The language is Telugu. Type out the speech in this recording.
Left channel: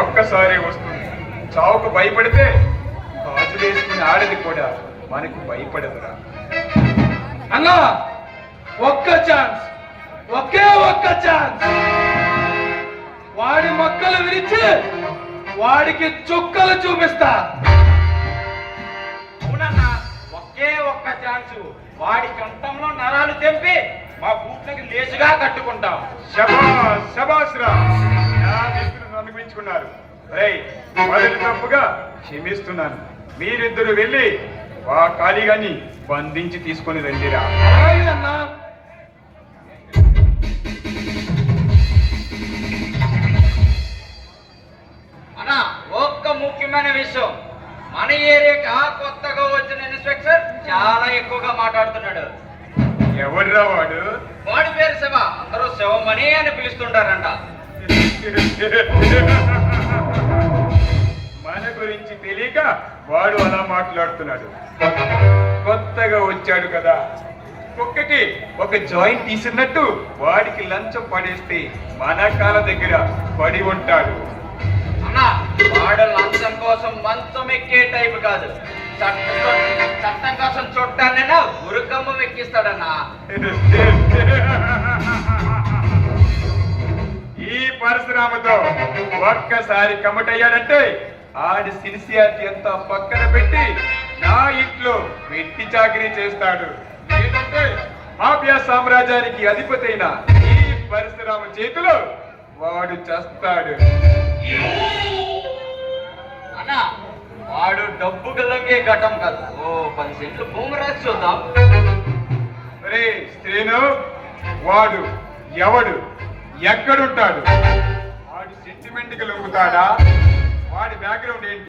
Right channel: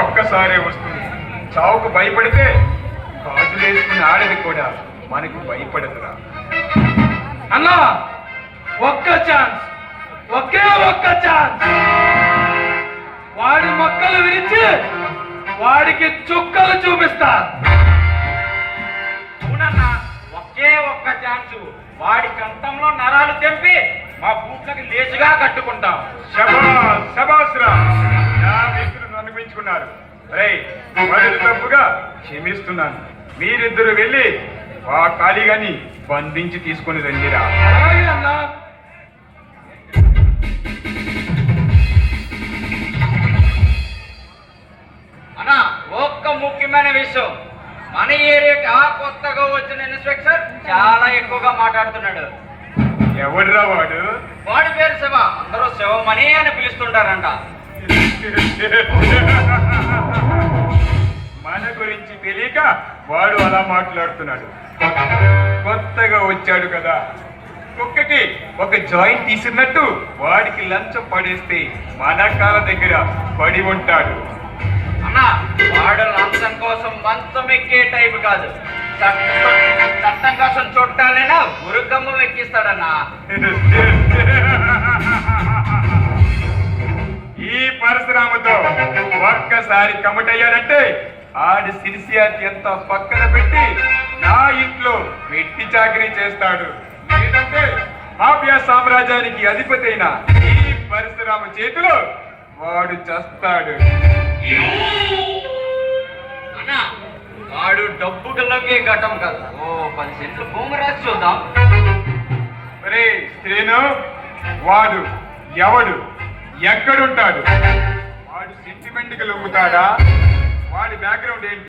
ఒక్కసారి వస్తుంది చావుకు భయపడితే గాజులు వేసుకుని ఆడది కూడా మనకు భయపడదురా. అన్నా ఒక్క ఛాన్స్ ఒకే ఒక్క ఛాన్స్. వాడి మొక్కలు విరిచి వాడికి చుక్కలు చూపిస్తా. ఒకే ఒక్క ఛాన్సు. వాడి కంఠంలో నరాలు తెంపి మా బూట్లకి లేచుగా కట్టుకుంటాం. శబాస్ శబాస్ రా నా మిత్రులు అనిపించుకున్నారు రే మొదటి తప్పుగా క్షమిస్తున్నాను. మీరిద్దరు వెళ్ళి ఆ ఖాళీగాని బంధించి తీసుకొని రండిరా. అన్నా ఒక్క ముఖ్యమైన విషయం. మన ఏరియాకి ఆ కొత్తగా వచ్చిన ఇన్స్పెక్టర్ చాలా ఎక్కువగా మాట్లాడుతున్నాడు. ఎవడురా వాడు? వాడి పేరు శివ. అందరూ శివమణి అని పిలుస్తుంటారంట. మన గురించి తెలియక వాడు అలా మాట్లాడుతున్నాడు. కొత్త- కొత్తగా వచ్చాడు కదా. కుక్కకి ఒక జాయింట్ తీసినట్టు వాడికి లంచం పడేస్తే మన కాళ్ళ దగ్గర పడి ఉంటాడు. అన్నా వాడు లంచం కోసం మంచం ఎక్కే టైప్ కాదు. చట్టం చట్టం కోసం చుట్టాలైనా ఉరుకమ్మ ఎక్కిస్తాడన్నా. పరశురామతో ఒక్కసారి కమటయ్యాడంటే ఆడి సిన్సియారిటీ ఎంత పక్కన పెట్టి నా ఇంట్లో వెట్టి చాకరీ చేస్తాడు. లేదంటే మాఫియా సామ్రాజ్యానికి అధిపతి అయిన ఈ పరశురామ చేతిలో వాడు చస్తాడు. అన్నా వాడు డబ్బు గల్లకే ఘటం కాదు. ఓ పది సెంట్లు భూమి రాసి చూద్దాం. శ్రీను వాడు ఎవడు? ఎక్కడుంటాడు? వాడు సెంటిమెంట్కి లొంగుతాడా? వాడి బ్యాక్గ్రౌండ్ ఏంటి?